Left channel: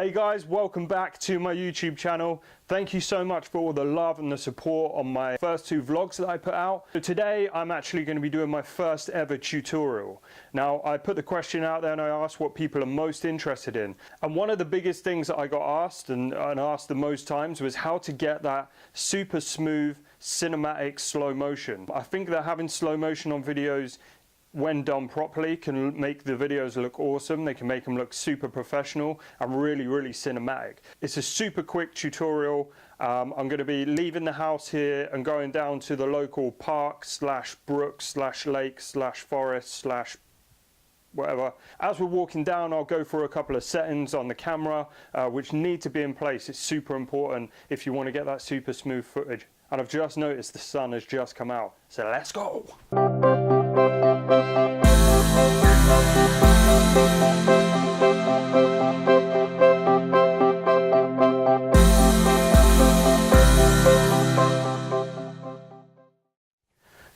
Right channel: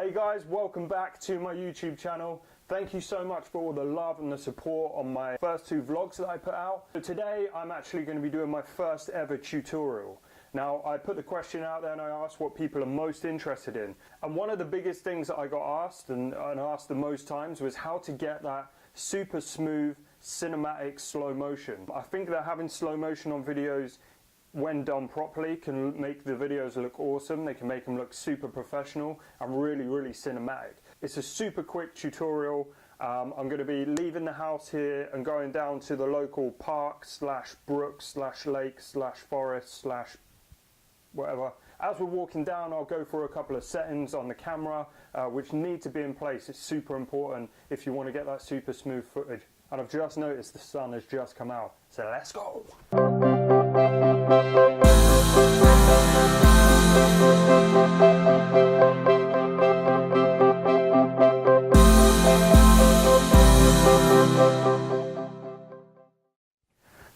Hey guys, welcome back to my YouTube channel. Thank you so much for all the love and the support on my first two vlogs that I put out. So today I'm actually going to be doing my first ever tutorial. Now I put the question out there and I asked what people are most interested in. And one of the biggest things that I got asked and asked the most times was how to get that super smooth cinematic slow motion. I think that having slow motion on videos when done properly can make the videos look awesome. They can make them look super professional and really cinematic. It's a super quick tutorial. I'm going to be leaving the house here and going down to the local park slash brook slash lake slash forest slash whatever. As we're walking down, I'll go through a couple of settings on the camera which need to be in place. It's super important if you want to get that super smooth footage. And I've just noticed the sun has just come out, so let's go.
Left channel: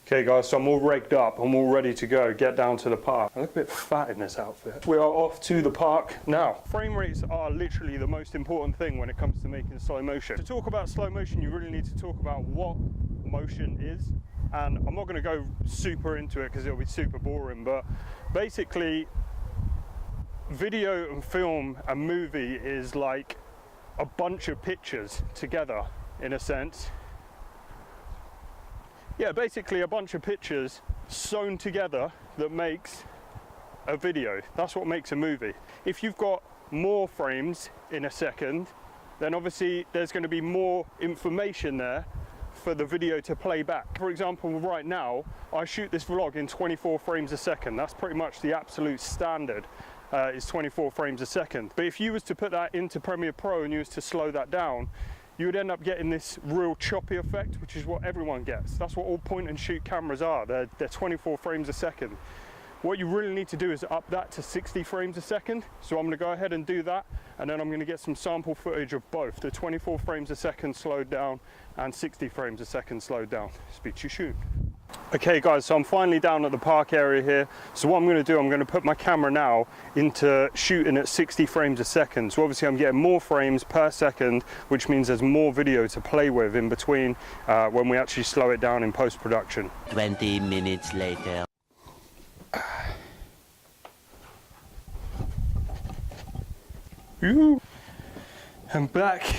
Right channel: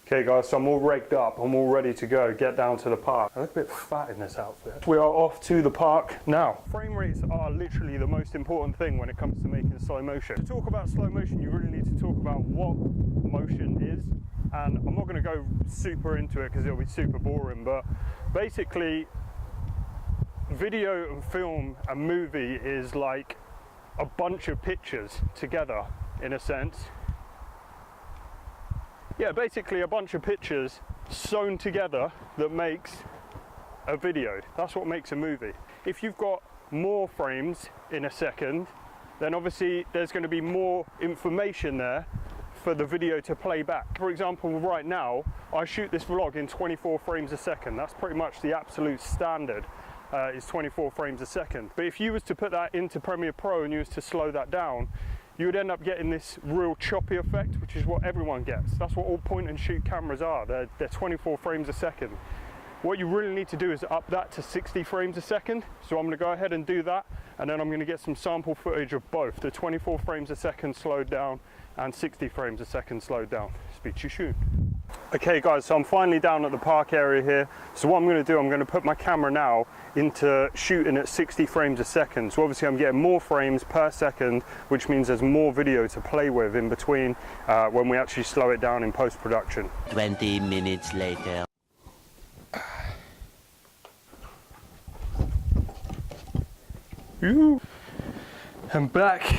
Okay guys, so I'm all rigged up, I'm all ready to go, get down to the park. I look a bit fat in this outfit. We are off to the park now. Frame rates are literally the most important thing when it comes to making slow motion. To talk about slow motion, you really need to talk about what motion is. And I'm not going to go super into it because it'll be super boring, but basically video and film and movie is like a bunch of pictures together in a sense. Yeah, basically a bunch of pictures sewn together that makes a video. That's what makes a movie. If you've got more frames in a second, then obviously there's going to be more information there for the video to play back. For example, right now, I shoot this vlog in 24 frames a second. That's pretty much the absolute standard, is 24 frames a second. But if you was to put that into Premiere Pro and you was to slow that down, you would end up getting this real choppy effect, which is what everyone gets. That's what all point and shoot cameras are. They're 24 frames a second. What you really need to do is up that to 60 frames a second. So I'm gonna go ahead and do that, and then I'm gonna get some sample footage of both, the 24 frames a second slowed down and 60 frames a second slowed down. Speak to you soon. Okay guys, so I'm finally down at the park area here. So what I'm going to do, I'm going to put my camera now into shooting at 60 frames a second. So obviously I'm getting more frames per second, which means there's more video to play with in between when we actually slow it down in post-production. 20 minutes later. Ooh. I'm back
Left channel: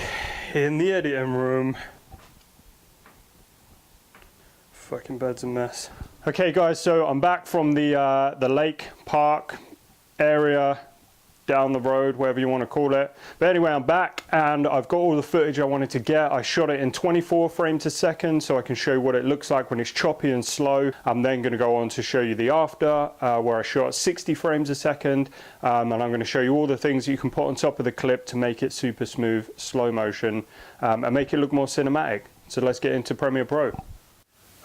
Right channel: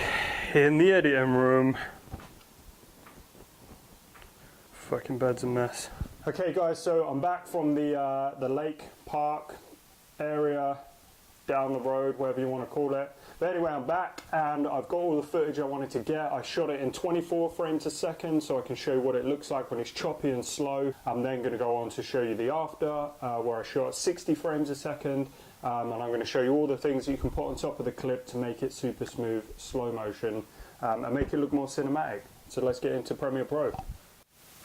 in the editing room. Fucking bed's a mess. Okay guys, so I'm back from the lake, park area, down the road, whatever you want to call it. But anyway, I'm back and I've got all the footage I wanted to get. I shot it in 24 frames a second so I can show you what it looks like when it's choppy and slow. I'm then going to go on to show you the after, where I shot 60 frames a second, and I'm going to show you all the things you can put on top of the clip to make it super smooth, slow motion, and make it look more cinematic. So let's get into Premiere Pro.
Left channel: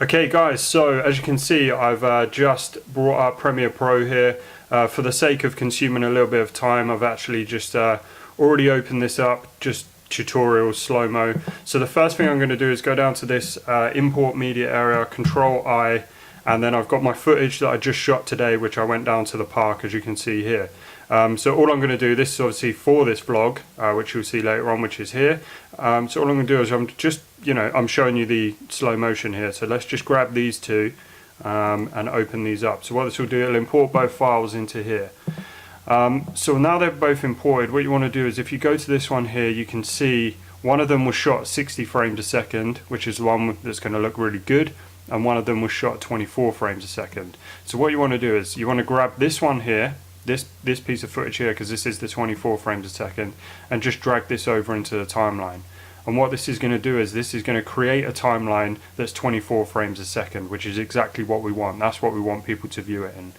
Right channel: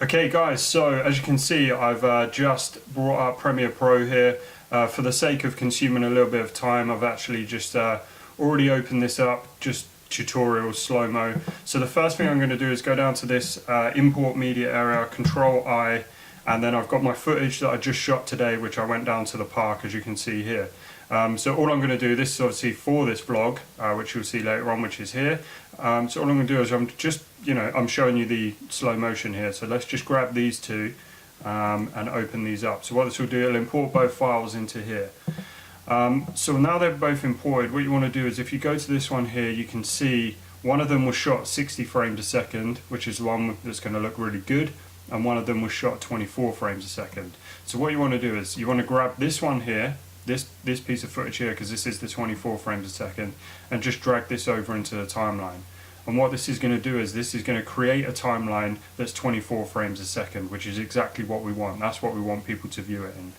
Okay guys, so as you can see, I've just brought up Premiere Pro here. For the sake of consuming a little bit of time, I've actually just already opened this up, just tutorial slow-mo. So the first thing I'm going to do is go down to this import media area, Control I, and then I've got my footage that I just shot today, which I went down to the park, as you can see here. So all I'm going to do, this is obviously for this vlog, which you'll see later on, which is here. So all I'm going to do is I'm just, I'm showing you the slow motion here. So let's just grab these two and open these up. So what this will do, it'll import both files into here. So now they're both imported, what you want to do is if you go to this one here, you can see one of them was shot 60 frames a second, which is the one that's going to look really good, and one of them was shot 24 frames a second. So what you want to do is you want to grab this one here, this piece of footage here, because this is the 24 frames a second, and just drag this over into the timeline. And what this is going to do is this is going to create a timeline that's 24 frames a second, which is exactly what we want. That's what we want people to view it in.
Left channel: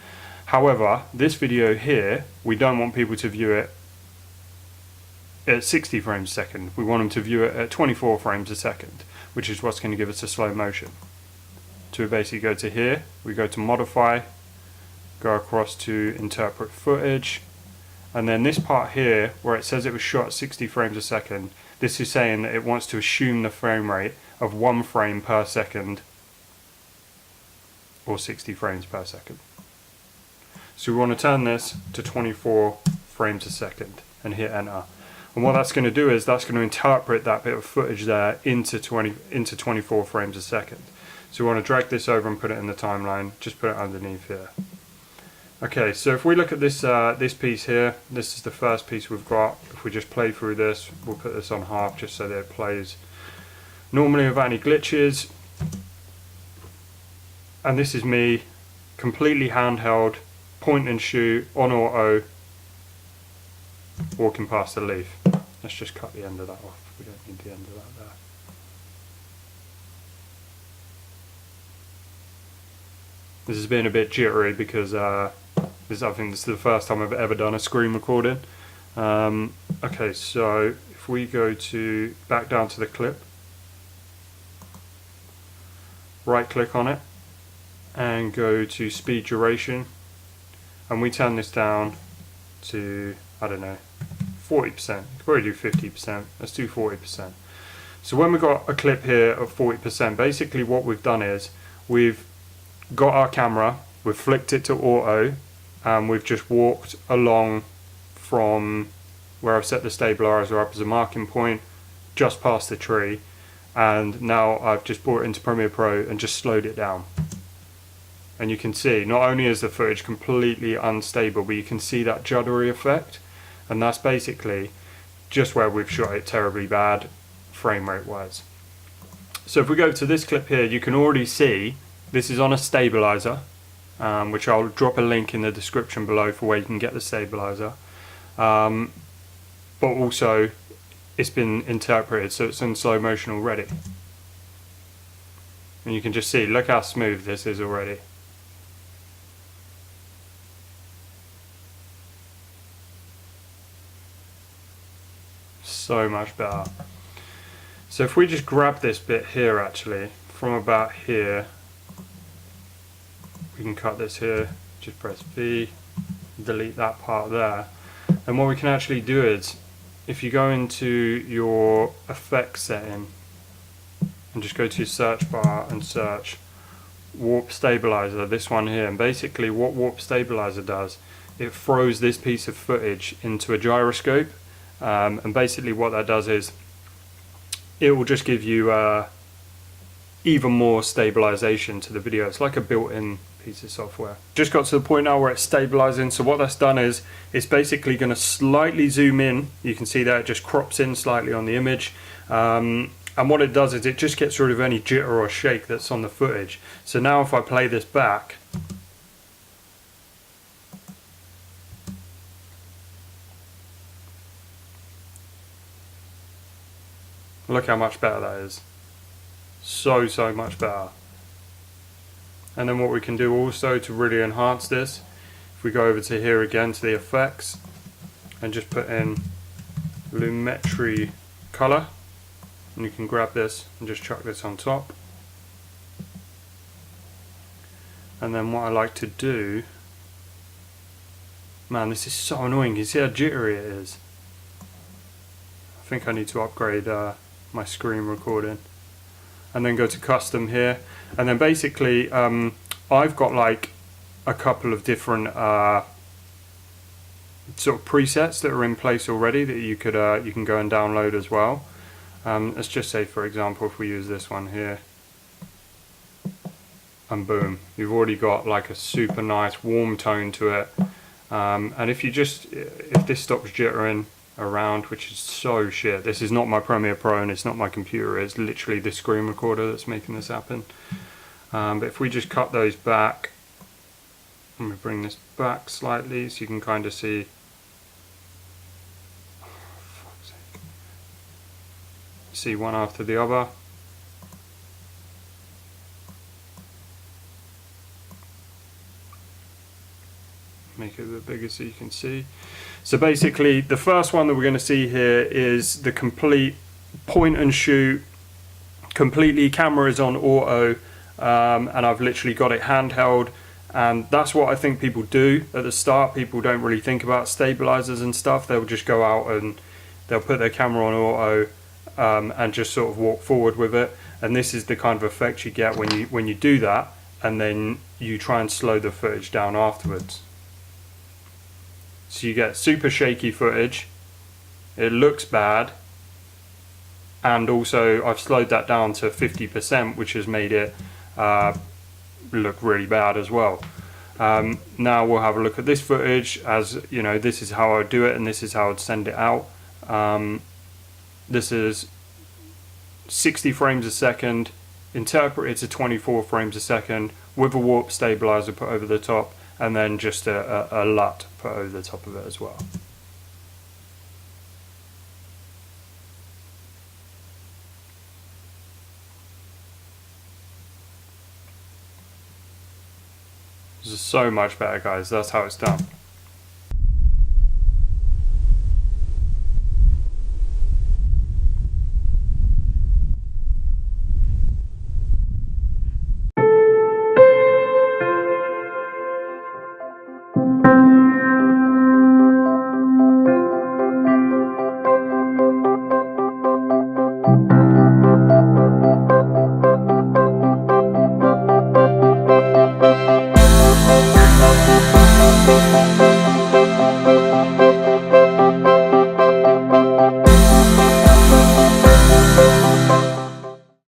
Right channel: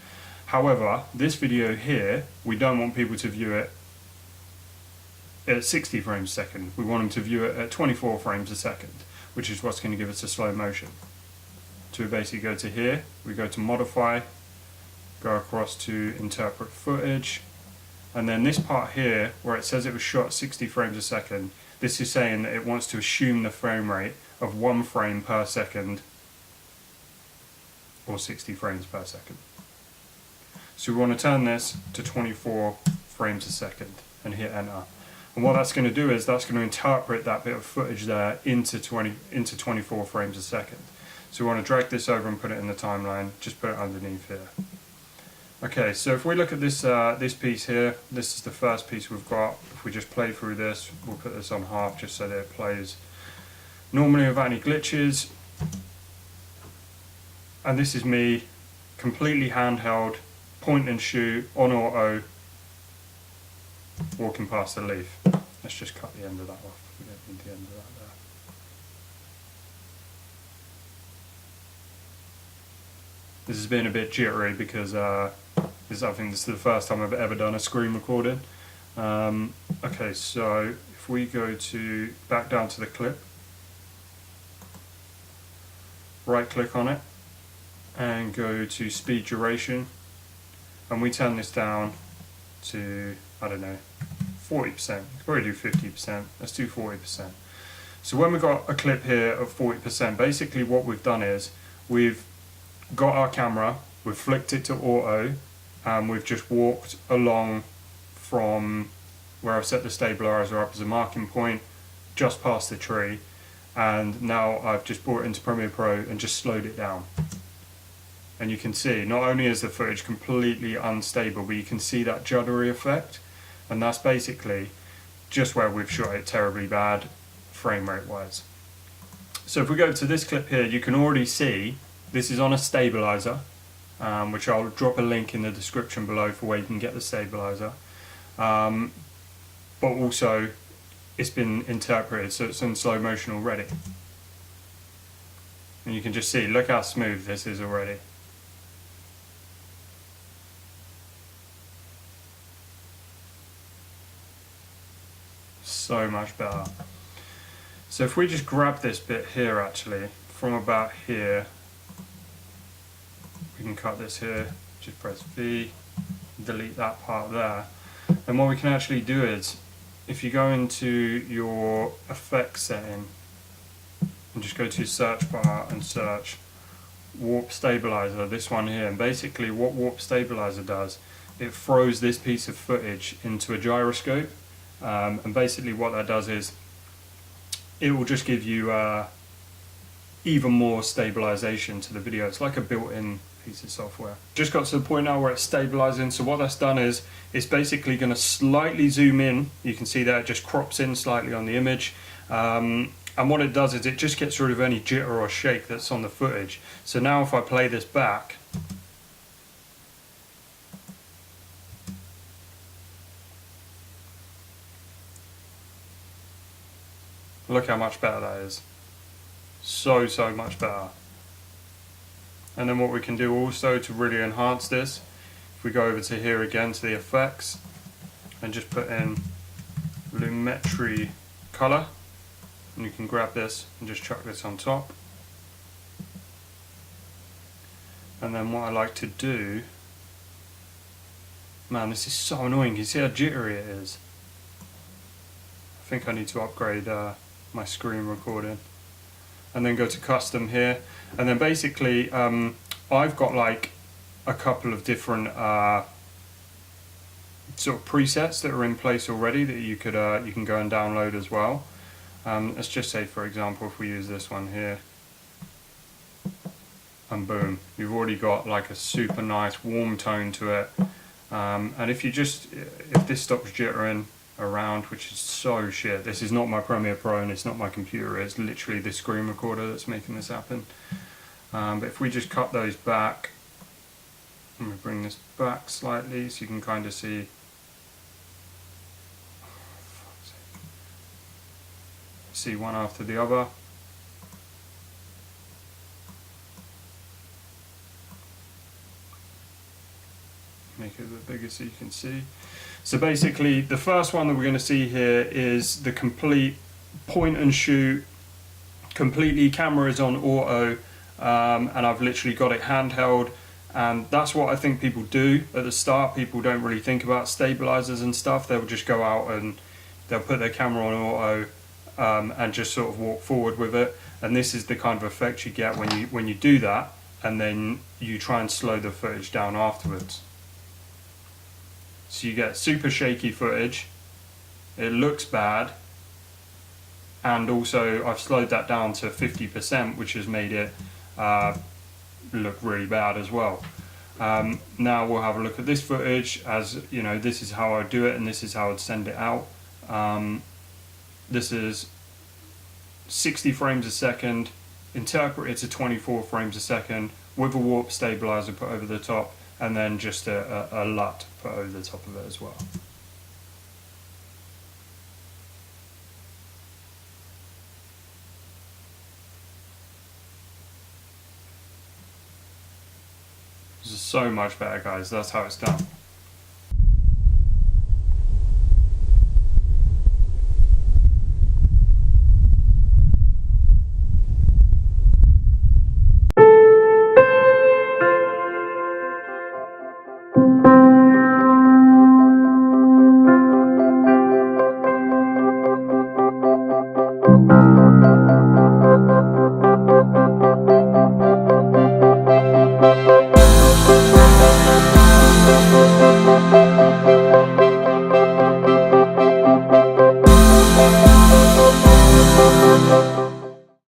However, this video here, we don't want people to view it at 60 frames a second. We want them to view it at 24 frames a second, which is what's going to give us a slow motion. So we basically go to here, we go to modify, go across to interpret footage, and then this part here where it says it was shot at 60 frames a second, this is saying that it wants to assume the frame rate of 1 frame per second or 60 frames per second. So we want to turn this to 24 frames a second and hit enter. And what that's going to do is that's going to interpret that bit of footage there into 24 frames a second. So we want to drag this over and put it in the timeline, just put it underneath here. Okay, so if we look at this this piece here, this is the first piece we've got. If we just play through this, we'll put this on half just so that it plays normally without any glitches. And this is me, completely handheld, point and shoot, on auto, walking past the leaf. Let's just cut the end of that off. We don't need the end of that there. This is being a bit jittery because I think this is the first time I've ever done a screen recording. Okay, so if we go to back down to the clip, right click on it and go to speed duration, and we turn this down to, I don't know, 40%. You could probably do 50%. Let's do 40%. So when we've got a clip here of 40%, basically what we've done is we've got our camera, we've flicked it to auto, and we've just walked along from where I've set the stabilizer up as a marking point, just past the tree, and now I've just brought it into Premiere Pro and just slowed it down. And you can see, not only is the footage completely unstable, but you can see that juddery effect, and that's basically just where we've shot it terribly bad, frame rate wise. So if we go to this clip here, you can already see this is on a stabilizer, which I'll drop a link in the description below for where you can get the stabilizer. But also, it's been interpreted, so it's in slow motion already. And you can just see, look how smooth this is already. So much better. So if we just grab this bit here, actually, from about here, we can cut this here, just press V, delete that part there. And what we can actually do is, if you go into your effects setting and just go to your search bar and search warp stabilizer, this one here, and basically what warp stabilizer does, it throws this piece of footage into a gyroscope, and basically what that does is it will just give you even more stabilization to the video. It's like a built-in piece of software. Just got to the point now where it's stabilizing, so what that's done is it's basically going to slightly zoom in. You can see that it just crops in slightly on the image, and what it does is it just gets rid of any jitter or shake that's on the footage. So now if I play this back, look how much better that is. So much better. And then what we can do also to really enhance this, if we go over to here again to the effects and just put in Lumetri color, and you can grab this and just chuck this on top. And then what I like to do, man, this is so annoying, you see how jittery it is. I think I need to upgrade my screen recording. And then go to custom here, and then basically I've got like a couple of different sort of presets that are in place already that you could you can go and download as well. Let's just say, for example, if we use this one here, and boom, you've already got like a super nice warm tone to it. And if this stops jittering around, which is so shit, this is not my Premiere Pro and it's not my computer, it's literally the screen recorder that's making this happen. But if we just cut those back, and we bring this back slightly so you can kind of see, see one after the other. Make it a bit bigger so you can see. So basically the first one that we're going to see here is the complete point and shoot, completely camera is on auto, and I've literally got it handheld, and that's what I think people do at the start. People don't really think about stabilizers and stuff. They'll just go out and they'll put their camera on auto and just sort of walk forward with it, and this is the kind of effect you get when you do that, and then you try and slow the footage down afterwards. So you get super shaky footage, it looks bad, and also I've slowed that down to 50%, which has made it look really bad as well. Now we'll have a look at this footage. As you know, this is how I would do it, and this is how I'd send it out. This is 60 frames a second, interpreted to 24 frames a second, with a warp stabilizer put over the top, and then just a LUT put over the top of it as well. This is so much better, guys. That's how it's done.